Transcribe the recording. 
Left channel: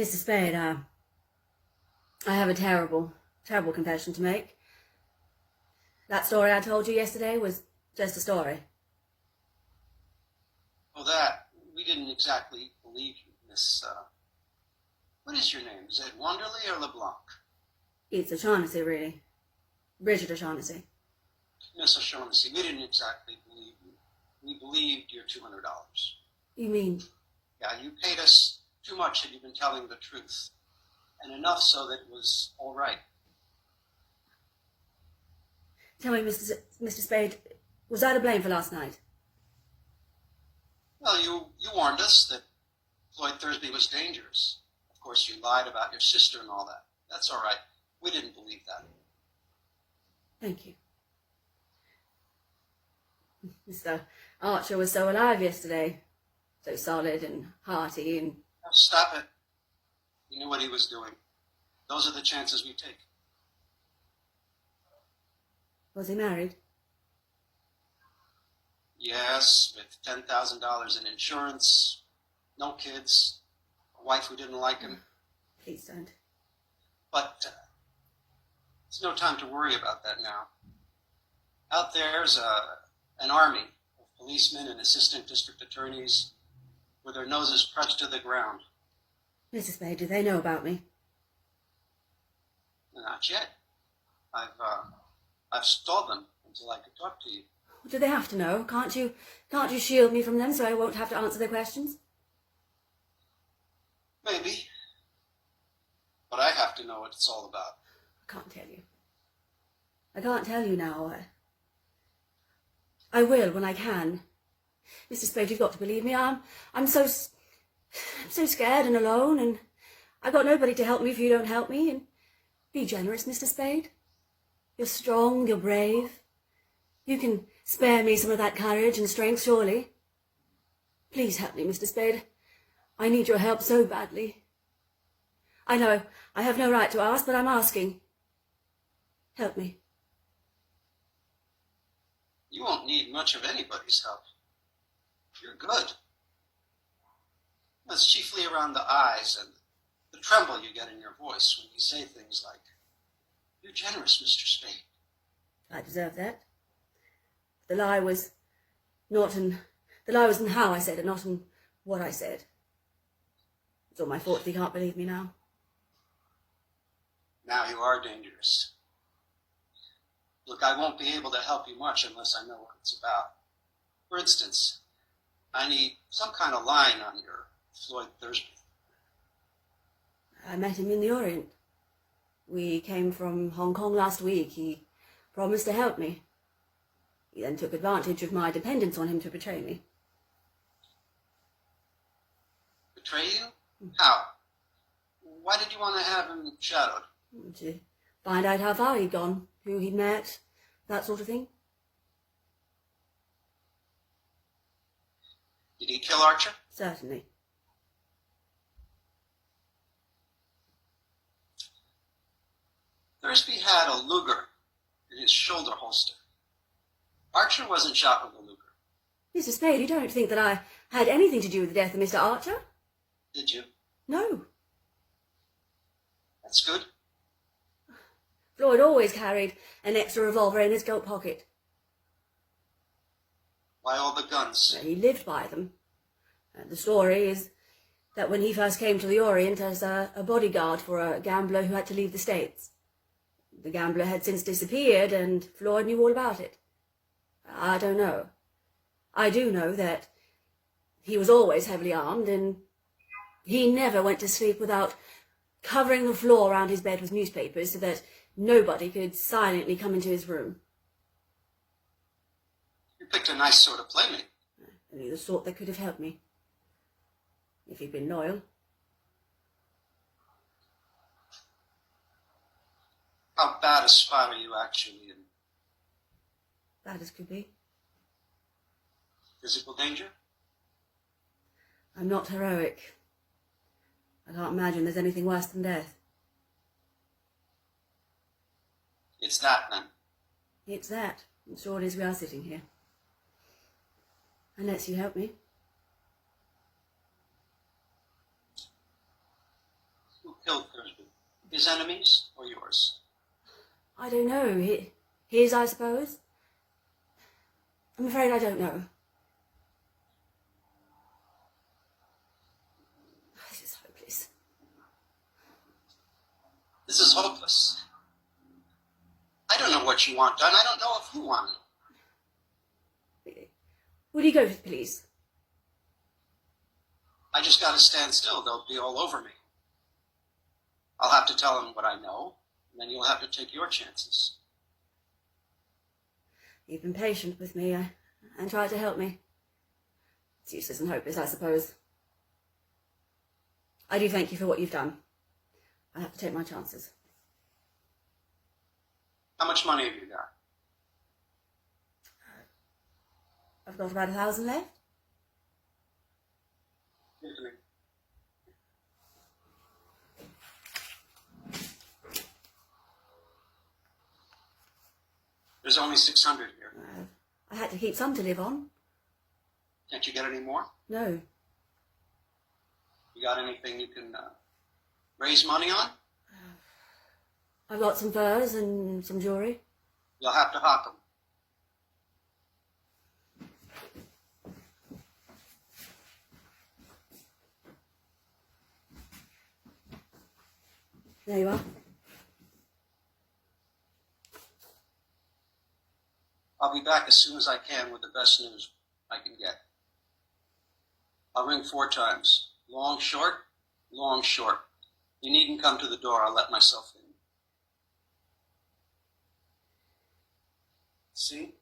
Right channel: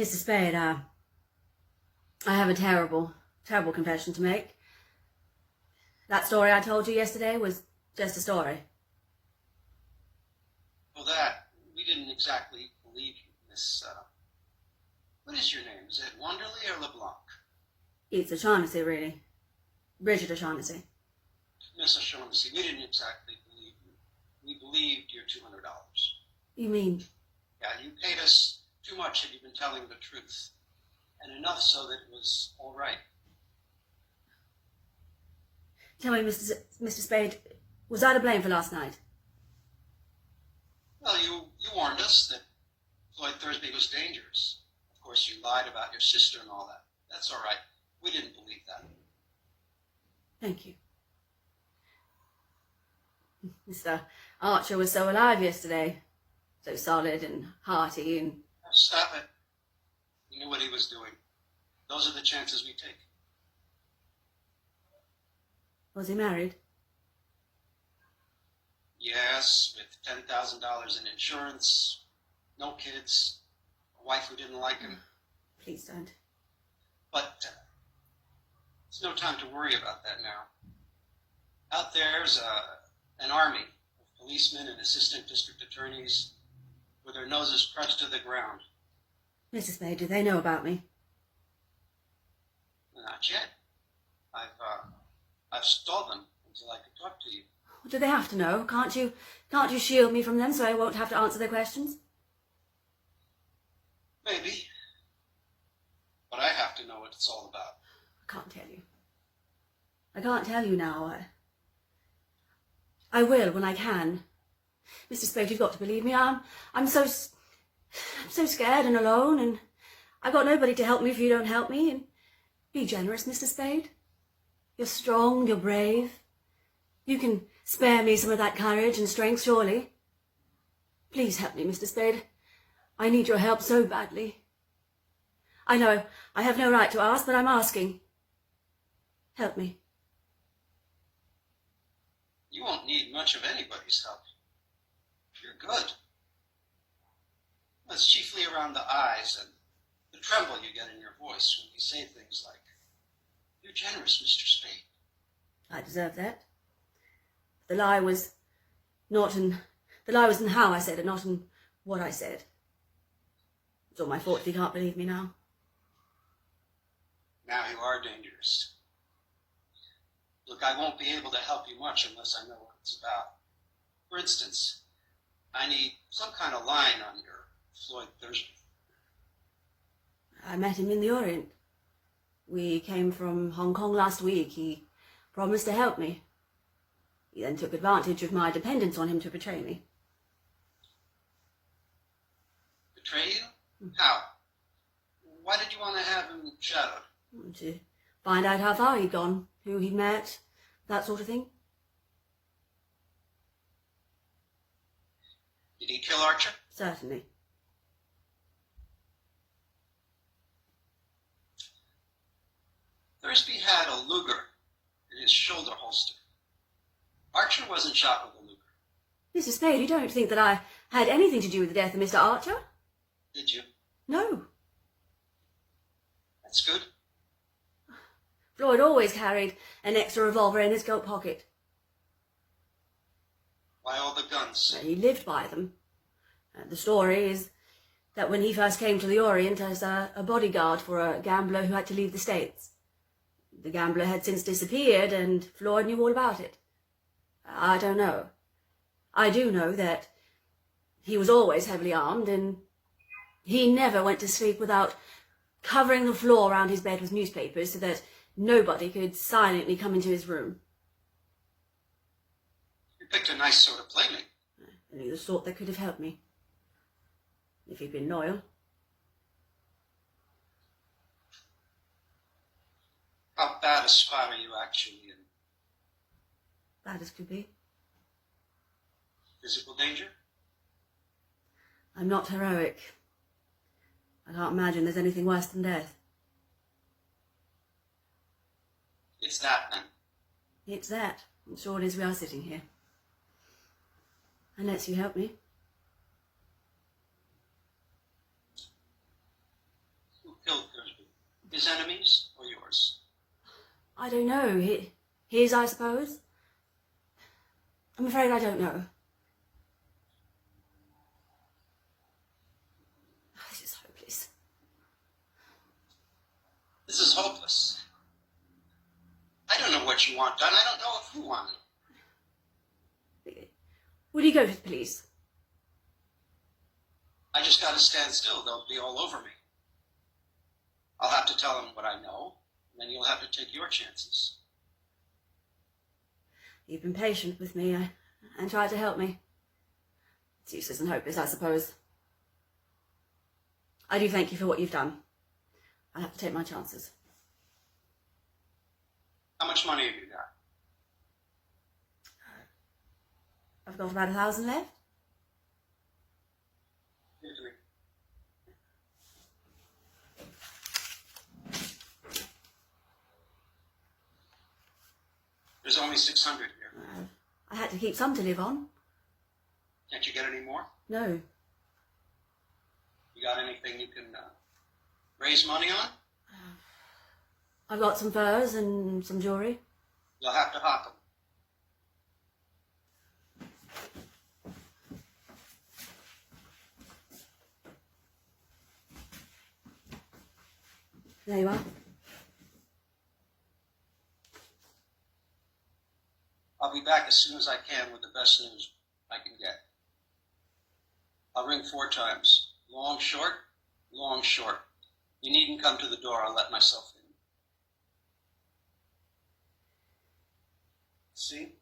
Mr. Spade, I have a terrible confession to make. That story I told you yesterday was just a story. Oh, that. We didn't exactly believe you, Miss, what is your name? Is it Wanderley or LeBlanc? It's O'Shaughnessy, really. Brigid O'Shaughnessy. Miss O'Shaughnessy, we didn't exactly believe you. We believed your $200. You mean? Yeah, you paid us too much had you been telling the truth. And enough so that it was all right. Tell me, Mr. Spade, was I to blame for last night? Well, you warned us that Floyd Thursby was dangerous. Of course, you lied about your sister and all that. That's all right. We didn't believe that. Thank you. Mr. Archer was so alive yesterday. So solid and hearty and... Now, stop it. He knew what he was doing. Those are the chances we take. Was he married? Yes, with $10,000 in insurance, no kids, a wife who didn't like him. Please don't. But it's no time to worry about that now. Out there's an army of policemen and assistant district attorneys with their noses pressed to the ground. Mrs. Spade, do they know about me? Not yet. I've stalled them until I could talk to you. Do they have to know? Can't you shield me from them so I won't have to answer their questions? Maybe. But I have to know what it's all about. I can't tell you. I can't tell you now. I will when I can. Mr. Spade, you've got to believe me. I'm so scared and alone, and I've got nobody to help me if you don't help me. And be generous, Mr. Spade. You're strong, you're brave. You can spare me some of that courage and strength, surely. Please help me, Mr. Spade. I need your help so badly. I know I have no right to ask, but I'm asking. Help me. You won't need much of anybody's help. You're good. It's chiefly around the eyes and the tremble you get in your voice when you say things like, "You're generous, Mr. Spade." I deserve that. The lie was in how I said it, not in what I said. It's all my fault if you can't believe me now. Now you are dangerous. Look, I won't be able to help you much unless I know what it's about. For instance, I need some kind of line on your Floyd Thursby. I met him in the Orient. We came from Hong Kong last week. He promised to help me. He then took advantage of my dependence on him to betray me. Betray you? How? Why did you want to have him shadowed? To find out how far he'd gone, who he'd met, that sort of thing. Did he kill Archer? Certainly. Thursby had a Luger in his shoulder holster. Archer wasn't shot with a Luger. Mr. Spade, you don't think that I had anything to do with the death of Mr. Archer? Did you? No. That's good. Floyd always carried an extra revolver in his coat pocket. Why all the guns? He lived by them. The story is that when he first came to the Orient as a bodyguard for a gambler who had to leave the States. The gambler had since disappeared and Floyd knew all about it. I don't know. I do know that he was always heavily armed and he never went to sleep without covering the floor around his bed with newspapers so that nobody could silently come into his room. You picked a nice sort of playmate. Only the sort that could have helped me. If he'd been loyal. How bad a spy are you actually in? Bad as could be. Physical danger? I'm not heroic. I can't imagine there's anything worse than death. It's that, then. It's that, and short as we are sitting here. Unless you help me. His enemies or yours? I don't know. His, I suppose. I'm afraid I don't know. This is hopeless. This is hopeless. I don't know what you want done. I don't know if you want it. Will you go to the police? I just gotta stand still. They'll be all over me. I'll have to tell them what I know, and then you'll have to take your chances. You've been patient with me and tried to help me. It's useless and hopeless, I suppose. I do thank you for what you've done. I'll have to take my chances. How much money have you got? I've got about 1,000 left. Give it to me. There's only 600 here. I had to keep some to live on. Can't you get any more? No. You got anything you can raise money on? I've got some furs and some jewellery. You'll have to hawk them. There you are. I'll be back as soon as I can with the best news I can get. I'll ring 4 times. Long, short, long, short. You needn't come to the door. I'll let myself in. See?